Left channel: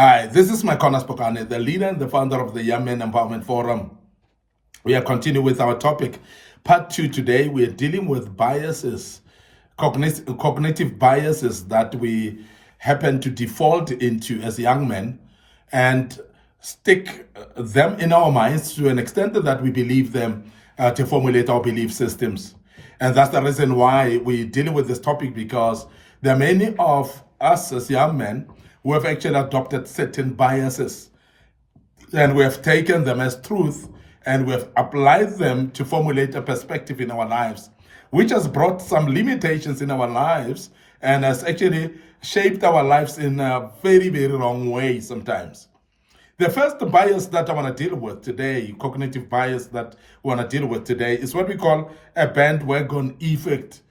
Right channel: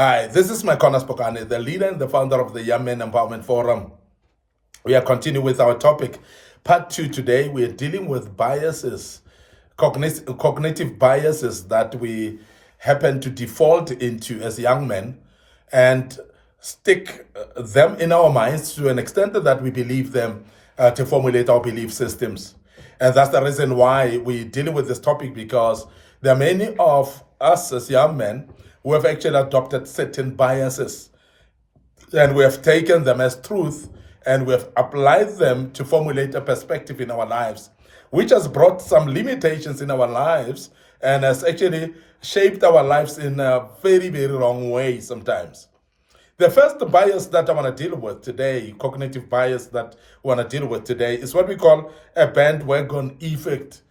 Hi, this is Micornus, the leader and the founder of the Young Men Empowerment Forum. We are continuing with our topic, part 2 today. We are dealing with biases, cognitive biases that we happen to default into as young men and stick them in our minds to an extent that we believe them to formulate our belief systems. And that's the reason why we're dealing with this topic, because there are many of us as young men who have actually adopted certain biases, and we have taken them as truth and we have applied them to formulate a perspective in our lives, which has brought some limitations in our lives and has actually shaped our lives in a very, very wrong way sometimes. The first bias that I want to deal with today, cognitive bias that I want to deal with today, is what we call a bandwagon effect.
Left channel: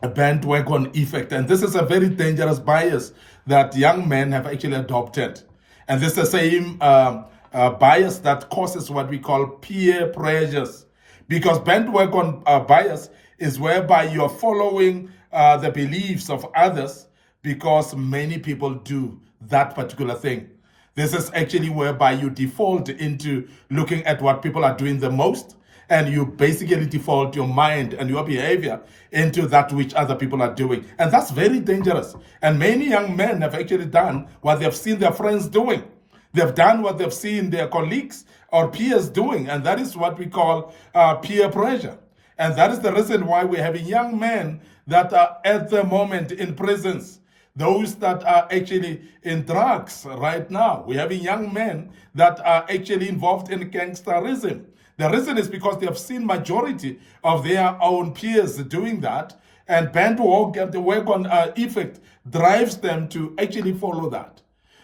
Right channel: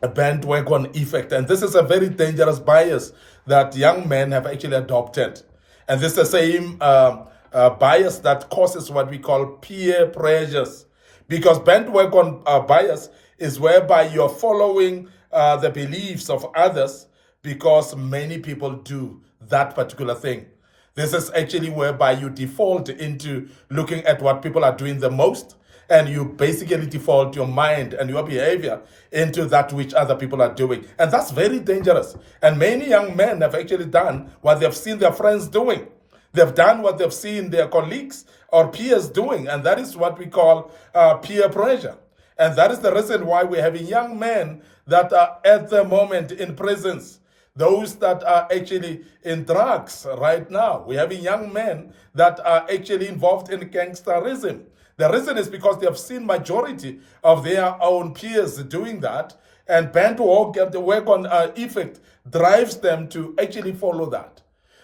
A bandwagon effect. And this is a very dangerous bias that young men have actually adopted. And this is the same bias that causes what we call peer pressures. Because bandwagon bias is whereby you're following the beliefs of others because many people do that particular thing. This is actually whereby you default into looking at what people are doing the most, and you basically default your mind and your behavior into that which other people are doing. And that's very dangerous. And many young men have actually done what they've seen their friends doing. They've done what they've seen their colleagues or peers doing, and that is what we call peer pressure. And that is the reason why we're having young men that are at the moment in prisons, those that are actually in drugs right now. We're having young men that are actually involved in gangsterism. The reason is because they have seen majority of their own peers doing that, and bandwagon effect drives them to actually follow that.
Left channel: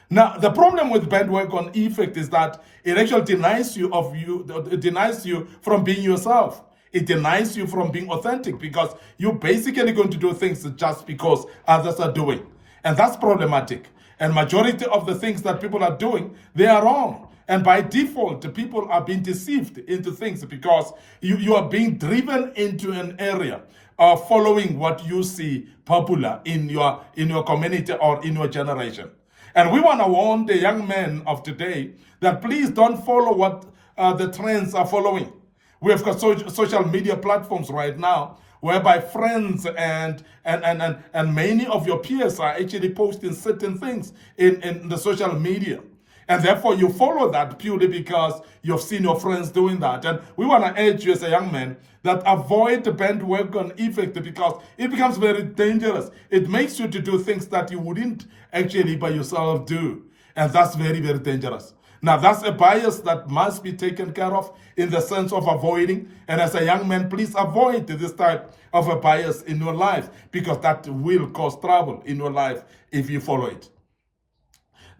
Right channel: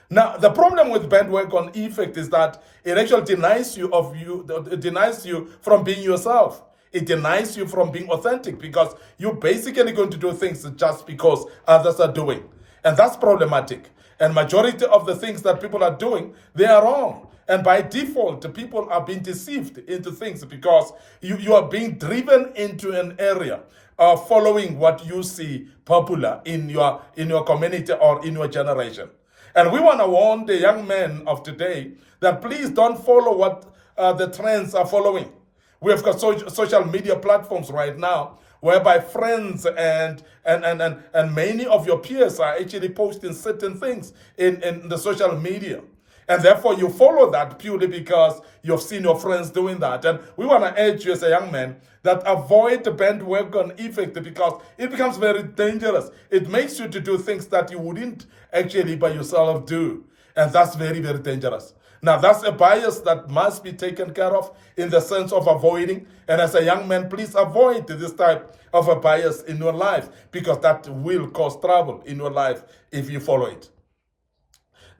Now, the problem with bandwagon effect is that it actually denies you from being yourself. It denies you from being authentic, because you're basically going to do things just because others are doing. And that's problematic. And majority of the things that people are doing, they are wrong. And by default, people are being deceived into things because you are being driven into an area of following what you see popular in your community or in your generation. And we want to warn the young men of today that please don't follow what the trends are following. We have got social media platforms right now whereby friends and many of your peers are actually posting certain things in the social media. And therefore, you follow that purely because you've seen your friends doing that. And we want to urge you as a young man that avoid the bandwagon effect, because it becomes very dangerous. It makes you to do things that you wouldn't actually by yourself do. And that's very, very dangerous. Now, that's a bias that must be taken care of in the sense of avoiding. And as a young man, please avoid this type of a bias in your life, because that will cause trouble in your life if you follow it.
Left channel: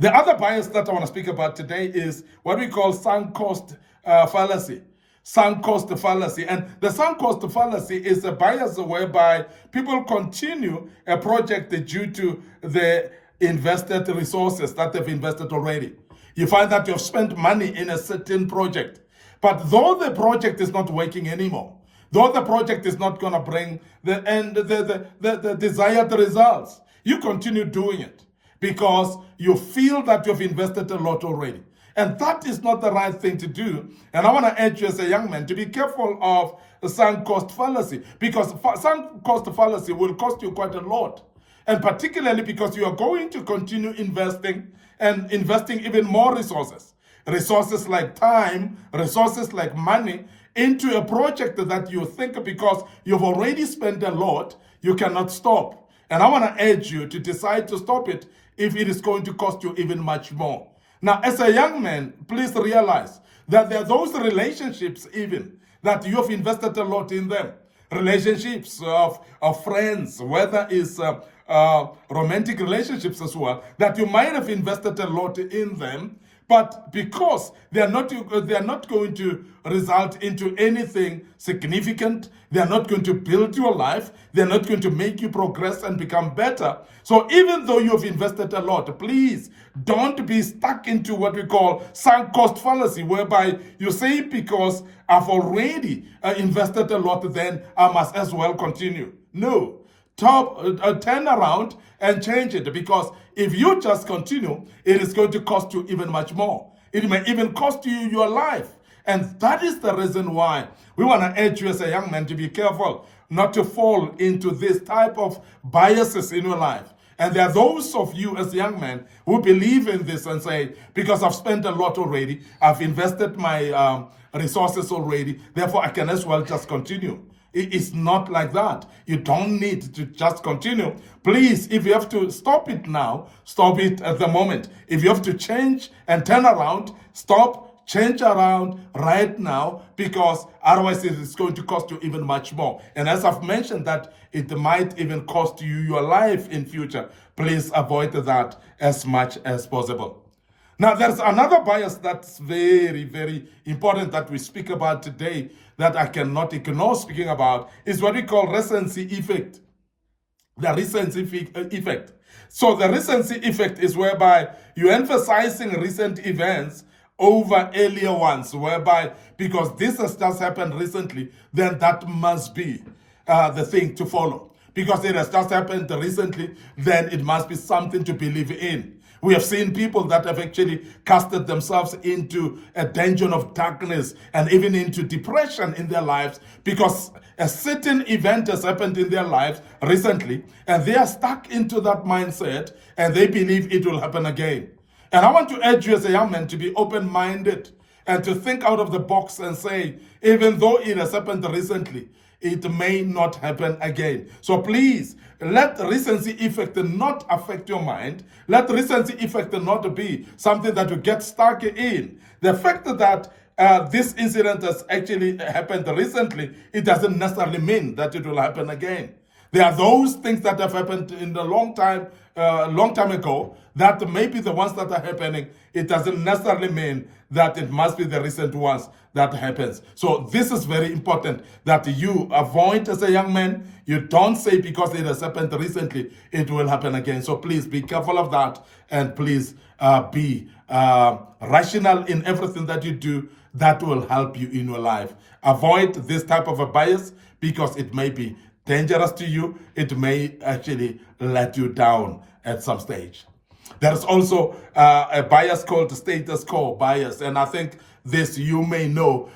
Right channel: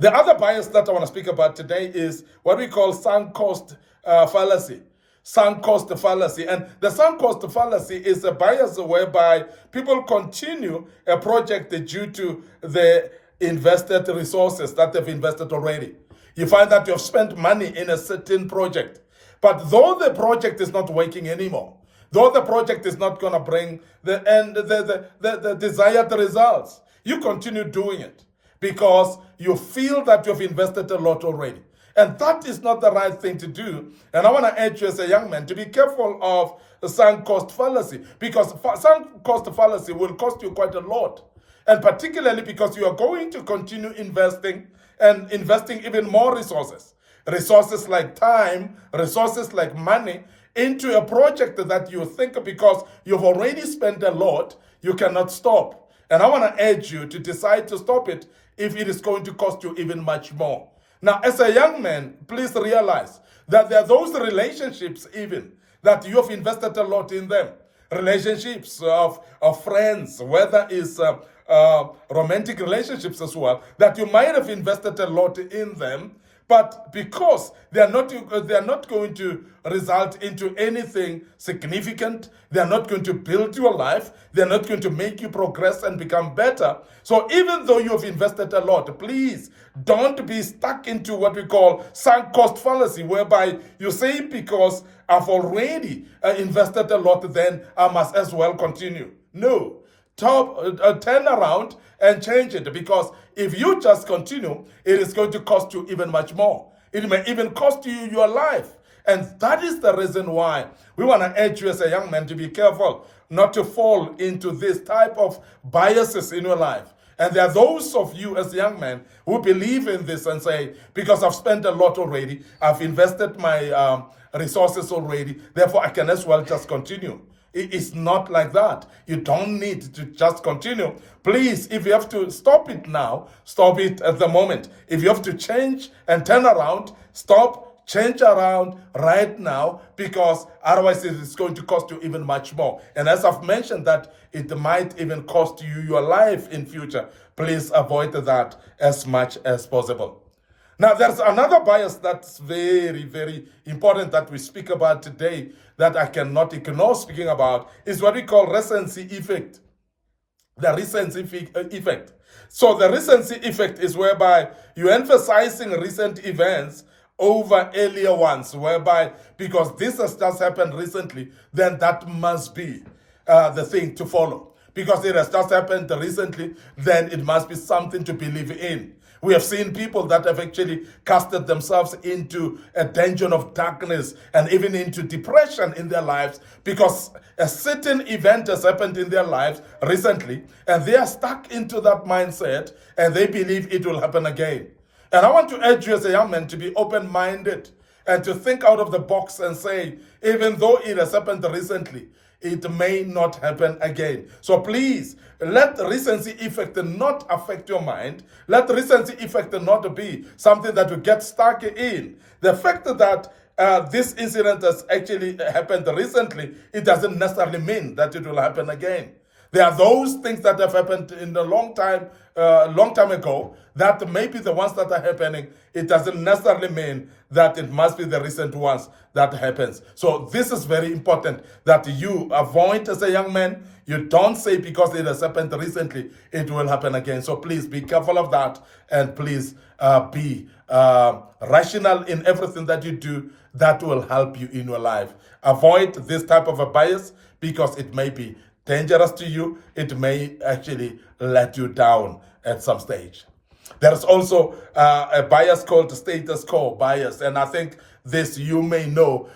The other bias that I want to speak about today is what we call sunk cost fallacy. Sunk cost fallacy. And the sunk cost fallacy is a bias whereby people continue a project due to the invested resources that they've invested already. You find that you've spent money in a certain project, but though the project is not working anymore, though the project is not going to bring the desired results, you continue doing it because you feel that you've invested a lot already. And that is not the right thing to do. And I want to urge you as a young man to be careful of the sunk cost fallacy, because sunk cost fallacy will cost you quite a lot. And particularly because you are going to continue investing and investing even more resources. Resources like time, resources like money, into a project that you think because you've already spent a lot, you cannot stop. And I want to urge you to decide to stop it if it is going to cost you even much more. Now, as a young man, please realize that there are those relationships even that you have invested a lot in them. Relationships of friends, whether it's romantic relationships as well, that you might have invested a lot in them, but because they are not going to result into anything significant, they are not going to build your life, they are not going to make you progress and become better. So even though you have invested a lot, please don't be stuck into what we call sunk cost fallacy, whereby you say, because I've already invested a lot, then I must as well continue. No. turn around and change it. Because if you just continue, it is going to cost you even much more. It may even cost you your life. And that is the reason why we want to urge you as a young man to be careful not to fall into this type of biases in your life. And there are those of you as young men who believe in this and say, because I've spent a lot already, I've invested my resources already, therefore I can as well just continue. It's not like that. You don't need to just continue. Please, if you have to stop it now, stop it at the moment. If you have to change and turn around, stop, change around right now, because otherwise it is going to cost you even much more. And as I've mentioned that it might even cost you your life in future, please avoid that as much as possible. Now, there's another bias that's very, very important that we speak about today that I cannot ignore speaking about, is what we call recency effect. The recency effect. So the recency effect is whereby you're emphasizing recent events over earlier ones, whereby because this has just happened recently, then that must be the thing to follow. Because it has just happened recently, then it must be something to believe in. We have seen people that have actually casted themselves into a dungeon of darkness and even into depression in their lives because a certain event has happened in their lives recently and they are stuck into that mindset and they believe it will happen again. And I want to urge you as a young man to be open-minded and to think out of the box and say, even though it has happened recently, it may not happen again. So please, let recency effect not affect your mind. Let recency effect not be something that you get stuck in. The fact that this incident has actually happened recently, it doesn't necessarily mean that it will happen again. There are those things that have happened in a long time ago that may be the ones that are happening. It doesn't necessarily mean that it must be the recent ones that happens. So this is very important that you avoid as a young man. You don't say because it has happened recently, it will happen again. So please be careful of that, and please be rational in everything that you do. That will help you in your life. Avoid this type of a bias because it may be dangerous to you. It may actually let you down at some stage. There is also a bias called status quo bias, and I think this you may know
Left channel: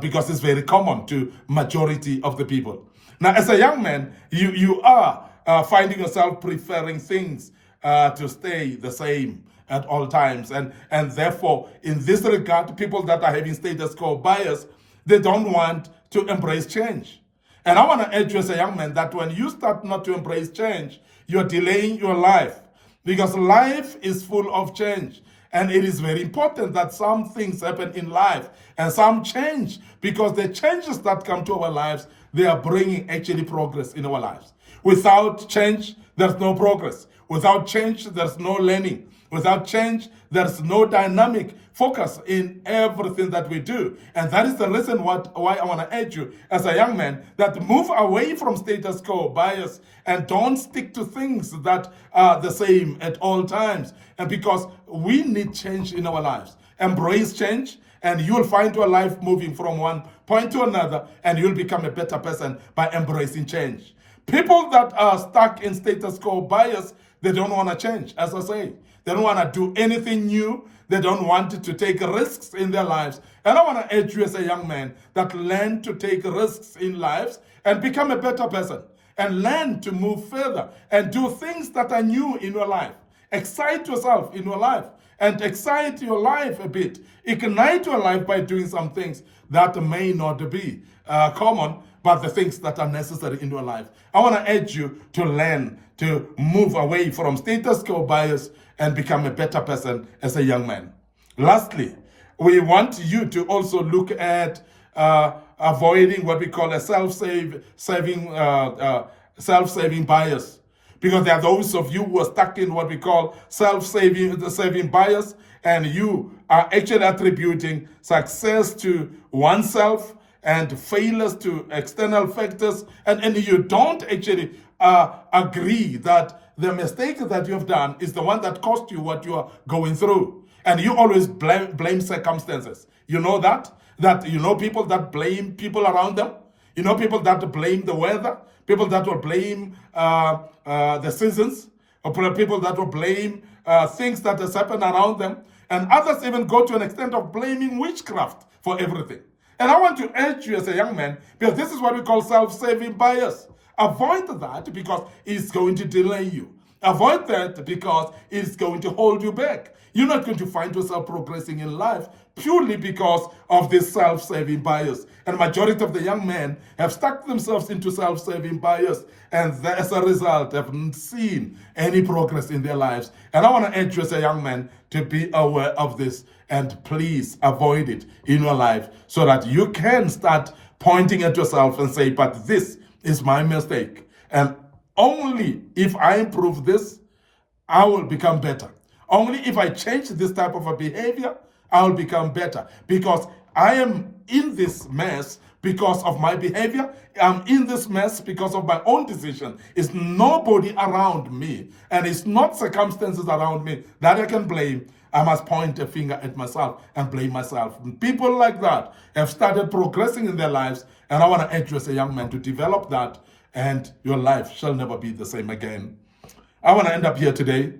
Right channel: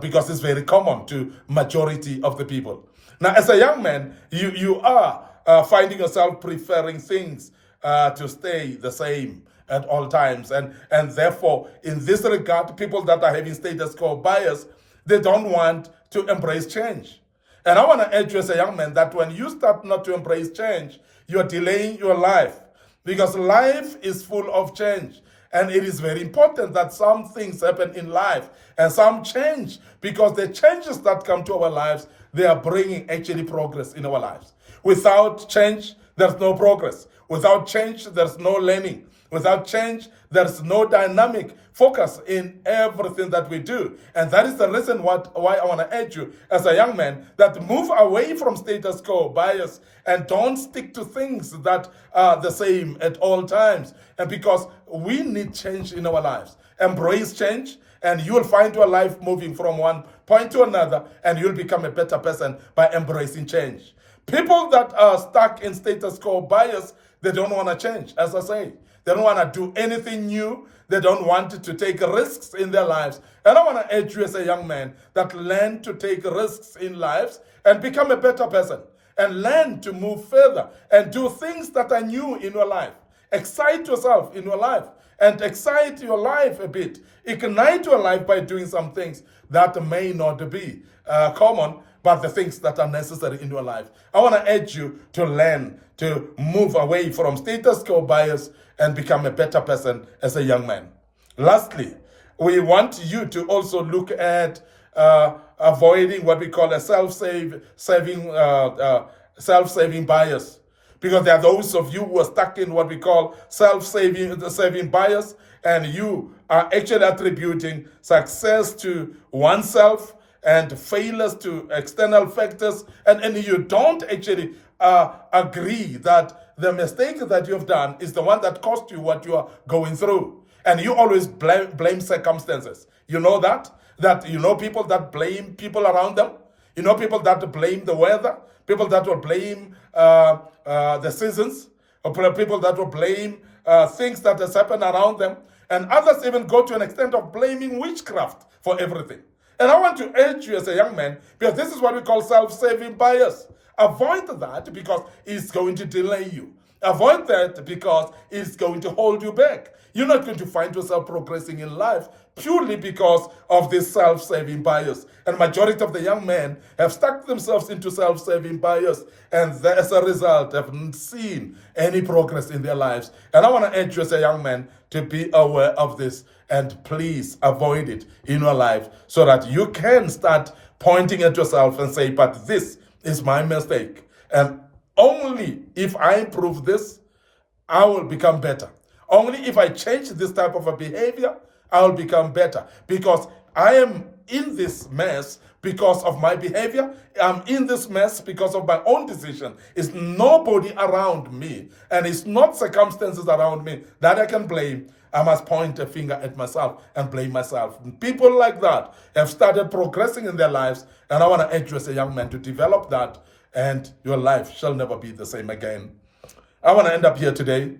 because it's very common to majority of the people. Now, as a young man, you are finding yourself preferring things to stay the same at all times, and therefore, in this regard, people that are having status quo bias, they don't want to embrace change. And I want to urge you as a young man that when you start not to embrace change, you're delaying your life, because life is full of change. And it is very important that some things happen in life and some change, because the changes that come to our lives, they are bringing actually progress in our lives. Without change, there's no progress. Without change, there's no learning. Without change, there's no dynamic focus in everything that we do. And that is the reason why I want to urge you as a young man that move away from status quo bias and don't stick to things that are the same at all times. And because we need change in our lives. Embrace change, and you will find your life moving from one point to another, and you'll become a better person by embracing change. People that are stuck in status quo bias, they don't want to change, as I say. They don't want to do anything new. They don't want to take risks in their lives. And I want to urge you as a young man that learn to take risks in lives and become a better person. And learn to move further and do things that are new in your life. Excite yourself in your life and excite your life a bit. Ignite your life by doing some things that may not be common, but the things that are necessary in your life. I want to urge you to learn to move away from status quo bias and become a better person as a young man. Lastly, we want you to also look at avoiding what we call a self-saving bias. Because there are those of you who are stuck in what we call self-saving bias, and you are actually attributing success to oneself and failures to external factors, and you don't actually agree that the mistake that you've done is the one that cost you what you are going through. And you always blame circumstances. You know that? That you know people that blame people around them? You know people that blame the weather? people that will blame the seasons, or people that will blame things that has happened around them, and others even go to an extent of blaming witchcraft for everything. And I want to urge you as a young man, because this is what we call self-serving bias. Avoid that because it's going to delay you. Avoid that because it's going to hold you back. You're not going to find yourself progressing in life purely because of this self-serving bias. And majority of the young men have stuck themselves into self-serving bias, and as a result, haven't seen any progress in their lives. And I want to urge you as a young man to be aware of this, and please avoid it in your life so that you can start pointing at yourself and say, but this is my mistake. And only if I improve this, I will become better. Only if I change this type of a behavior, I will become better. Because I am in this mess because of my behavior. I'm in this mess because of my own decision. It's nobody around me, and it's not circumstances around me that I can blame. I must point a finger at myself and blame myself. People like that have started progressing in their lives, and I want to urge you as a young man to develop that, and your life shall never be the same again. I want to end up here today.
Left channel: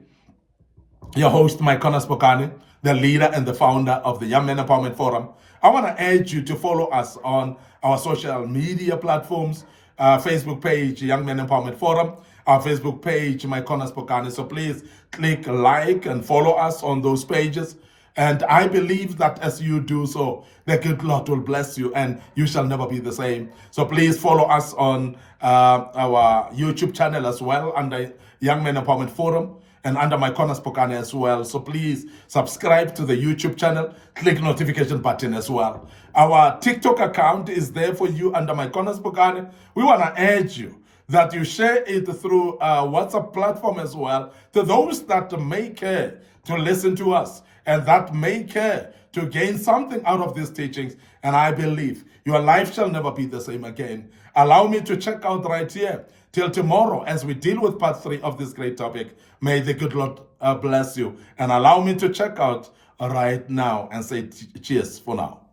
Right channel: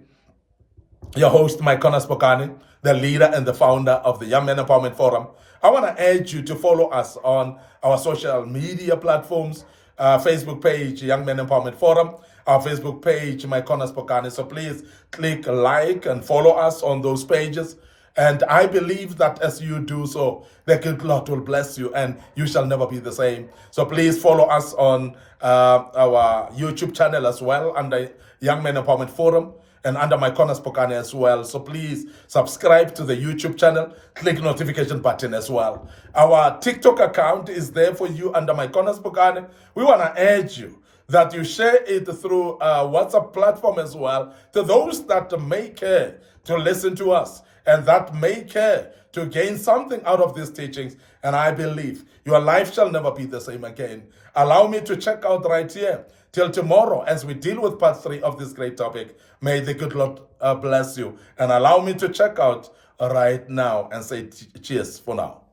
Your host, Micornus, Phokane, the leader and the founder of the Young Men Empowerment Forum. I want to urge you to follow us on our social media platforms, Facebook page, Young Men Empowerment Forum, our Facebook page, Micornus Phokane. So please click like and follow us on those pages. And I believe that as you do so, the good Lord will bless you and you shall never be the same. So please follow us on our YouTube channel as well, under Young Men Empowerment Forum, and under Micornus Phokane as well. So please subscribe to the YouTube channel, click notification button as well. Our TikTok account is there for you under Micornus Phokane. We want to urge you that you share it through WhatsApp platform as well to those that may care to listen to us and that may care to gain something out of these teachings. And I believe your life shall never be the same again. Allow me to check out right here. Till tomorrow, as we deal with part 3 of this great topic, may the good Lord bless you. And allow me to check out right now and say cheers for now.